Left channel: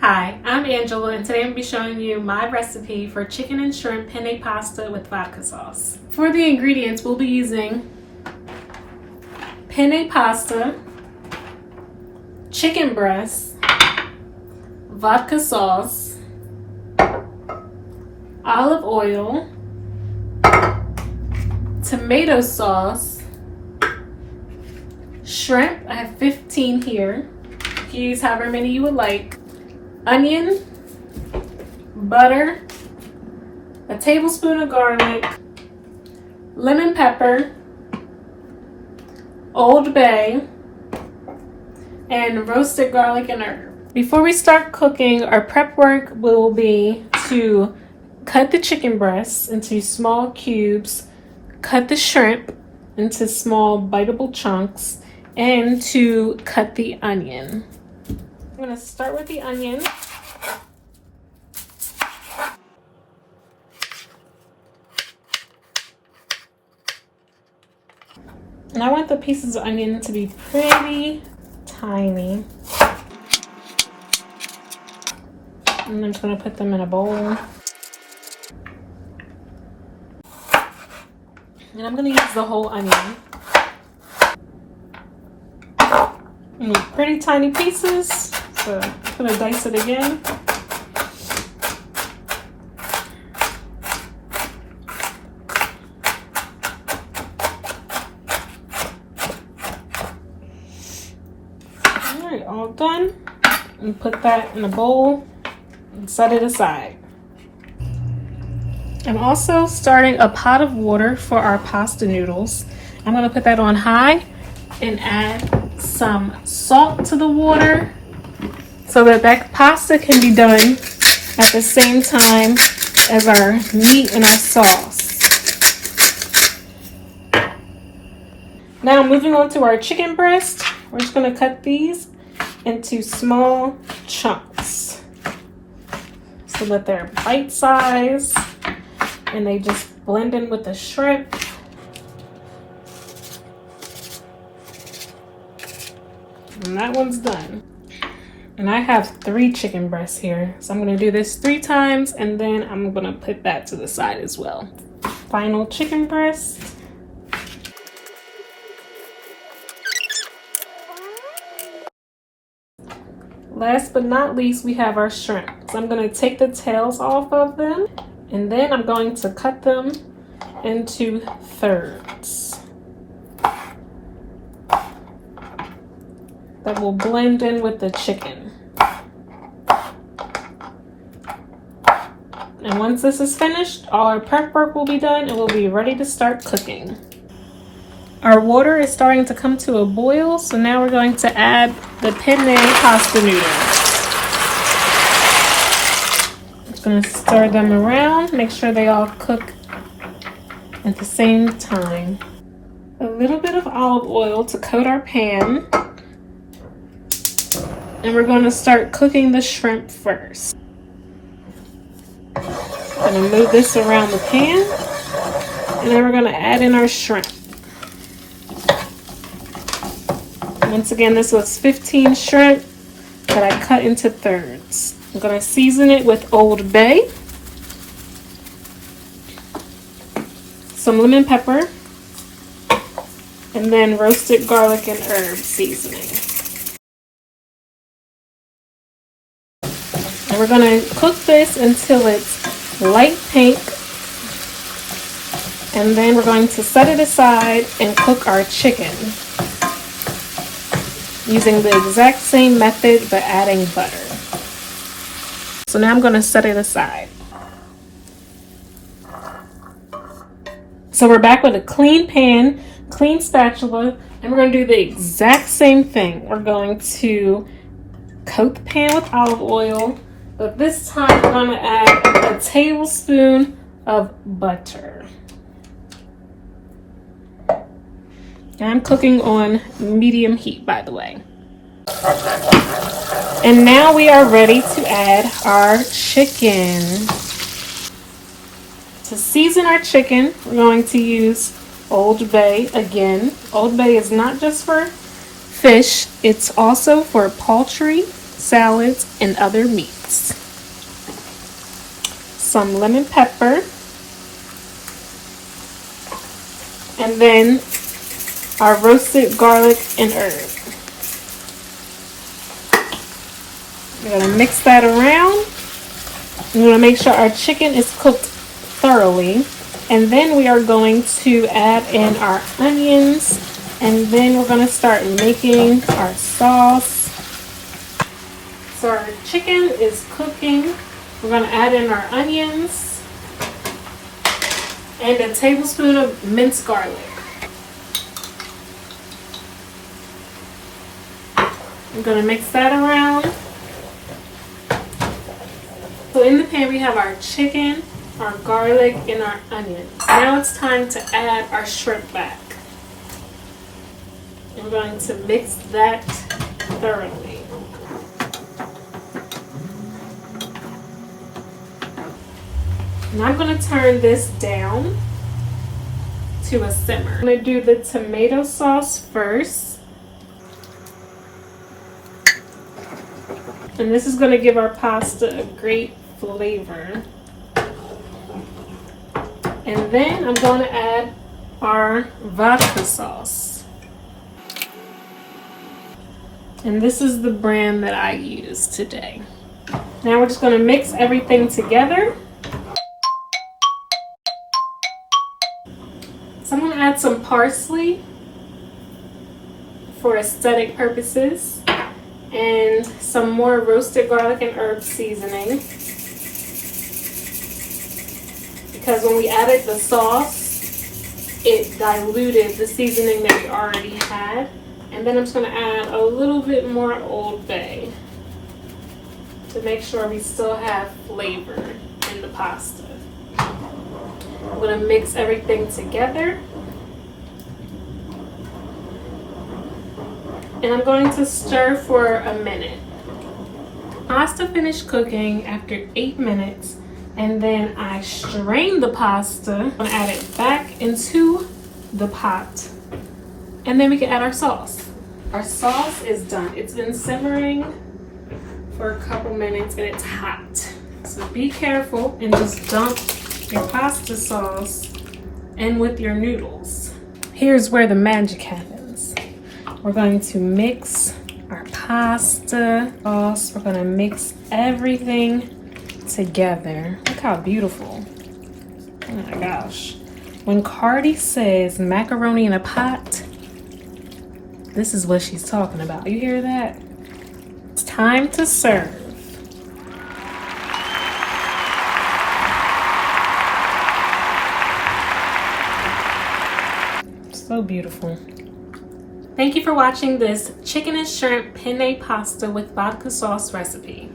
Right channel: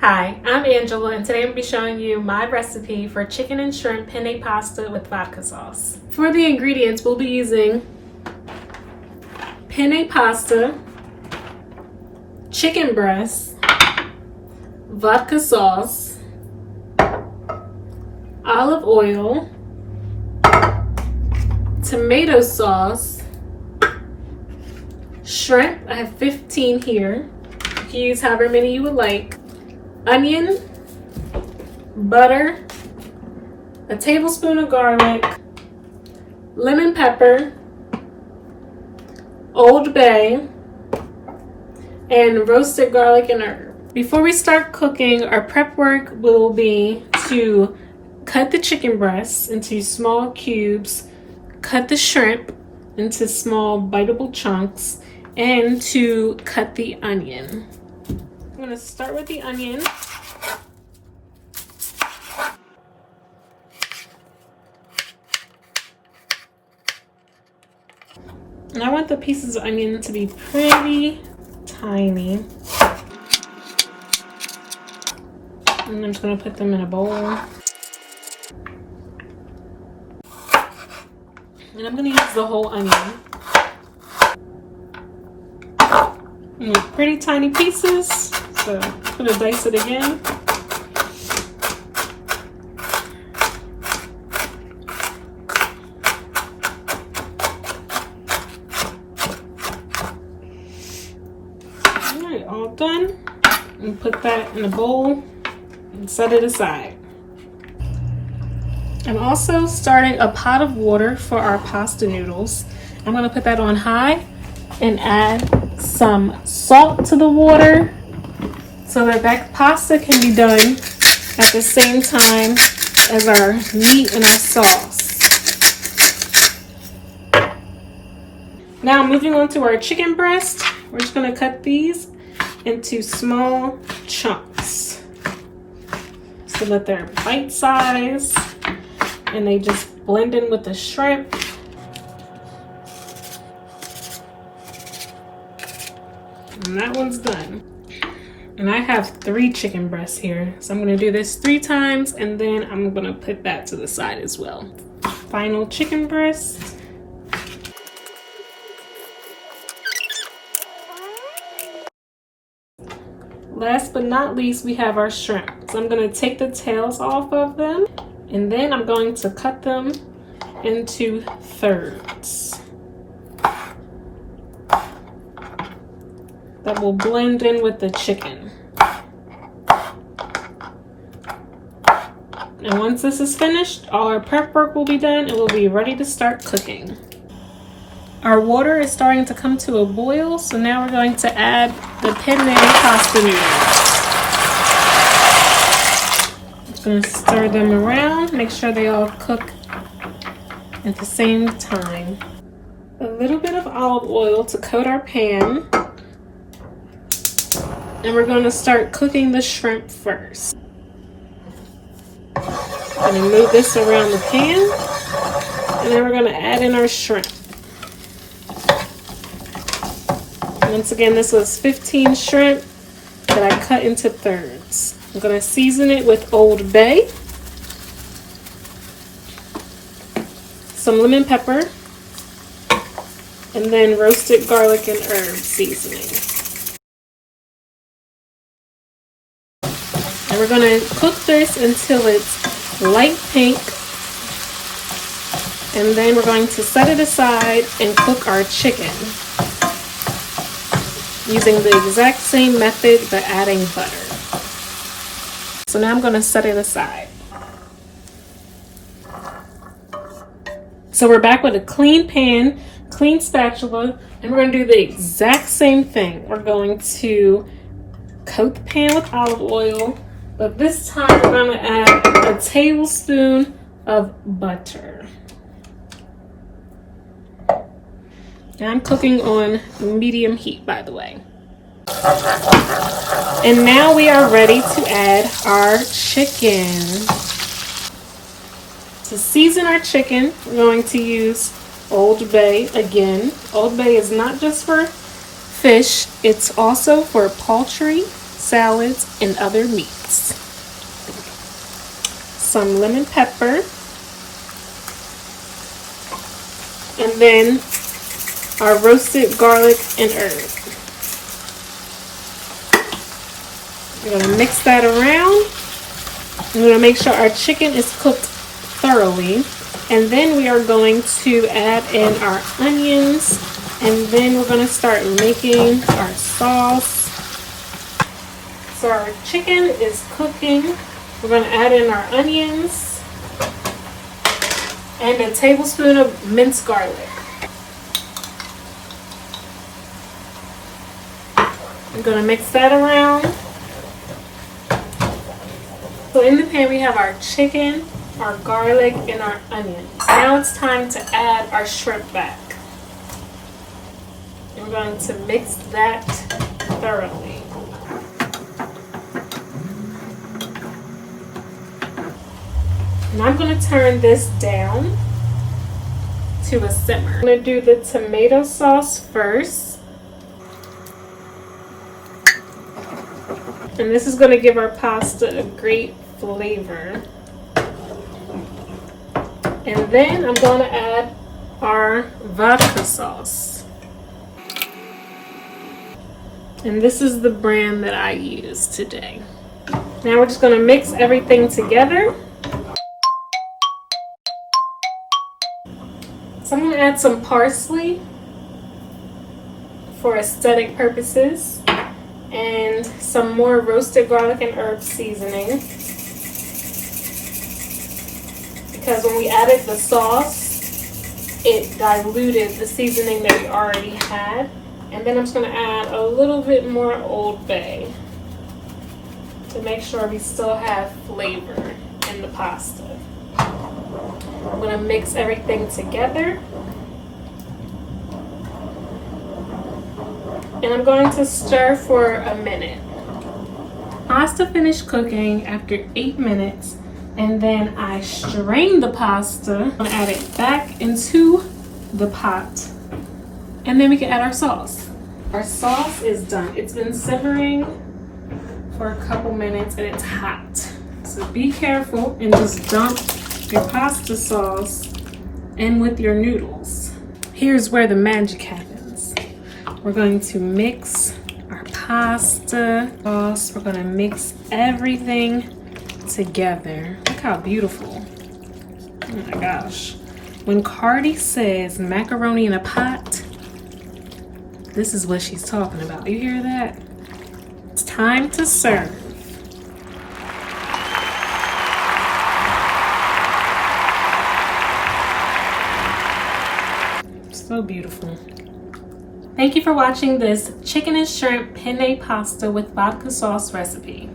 Hi, I'm Angela, and today I'm going to be showing you my recipe for chicken and shrimp penne pasta with vodka sauce. For the ingredients, we'll be using penne pasta, chicken breast, vodka sauce, olive oil, tomato sauce, shrimp. I have 15 here. You can use however many you would like. Onion, butter, a tablespoon of garlic, lemon pepper, Old Bay, and roasted garlic and herb. Before we start cooking, our prep work will be to cut the chicken breasts into small cubes, cut the shrimp into small biteable chunks, and to cut the onion. I'm going to start with the onion. And I want the pieces of onion to be pretty tiny. And I'm just going to put them in a bowl. And I'm going to use the whole onion. Pretty tiny pieces, so I'm going to dice it again. Alright, all done. And put that in a bowl and set it aside. I'm also starting a pot of water for our pasta noodles. I'm going to put that on high and add some salt to the water so that pasta can be done at the same time as our meat and our sauce. Now moving on to our chicken breast, we're just going to cut these into small chunks so that they're bite-sized and they just blend in with the shrimp. And that one's done. And I have 3 chicken breasts here, so I'm going to do this 3 times and then I'm going to put that to the side as well. Final chicken breast. Last but not least, we have our shrimp. So I'm going to take the tails off of them and then I'm going to cut them into thirds that will blend in with the chicken. And once this is finished, all our prep work will be done and we'll be ready to start cooking. Our water is starting to come to a boil, so now we're going to add the penne pasta noodles. Just going to stir them around, make sure they all cook at the same time. A little bit of olive oil to coat our pan. And we're going to start cooking the shrimp first. I'm going to move this around the pan. And then we're going to add in our shrimp. Once again, this was 15 shrimp that I cut into thirds. I'm going to season it with Old Bay, some lemon pepper, and then roasted garlic and herb seasoning. And we're going to cook this until it's light pink. And then we're going to set it aside and cook our chicken using the exact same method but adding butter. So now I'm going to set it aside. So we're back with a clean pan, clean spatula, and we're going to do the exact same thing. We're going to coat the pan with olive oil, but this time we're going to add a tablespoon of butter. And I'm cooking on medium heat, by the way. And now we are ready to add our chicken. To season our chicken, we're going to use Old Bay again. Old Bay is not just for fish, it's also for poultry salads, and other meats. Some lemon pepper. And then our roasted garlic and herb. We're going to mix that around. We're going to make sure our chicken is cooked thoroughly. And then we are going to add in our onions. And then we're going to start making our sauce. So our chicken is cooking. We're going to add in our onions and a tablespoon of minced garlic. I'm going to mix that around. So in the pan we have our chicken, our garlic, and our onions. Now it's time to add our shrimp back. We're going to mix that thoroughly. And I'm going to turn this down to a simmer. I'm going to do the tomato sauce first. And this is going to give our pasta a great flavor. And then I'm going to add our vodka sauce. And this is the brand that I use today. Now we're just going to mix everything together. So I'm going to add some parsley for aesthetic purposes and some more roasted garlic and herb seasoning. Because when we added the sauce, it diluted the seasoning that we already had. And then I'm just going to add a little bit more Old Bay to make sure we still have flavor in the pasta. I'm going to mix everything together. And I'm going to stir for a minute. Pasta finished cooking after 8 minutes. And then I strain the pasta and add it back into the pot. And then we can add our sauce. Our sauce is done. It's been simmering for a couple minutes and it's hot. So be careful and just dump your pasta sauce in with your noodles. Here's where the magic happens. We're going to mix our pasta sauce. We're going to mix everything together. Look how beautiful. Oh my gosh. When Cardi says macaroni in a pot, this is what she's talking about. You hear that? It's time to serve. So beautiful. Thank you for watching this chicken and shrimp penne pasta with vodka sauce recipe.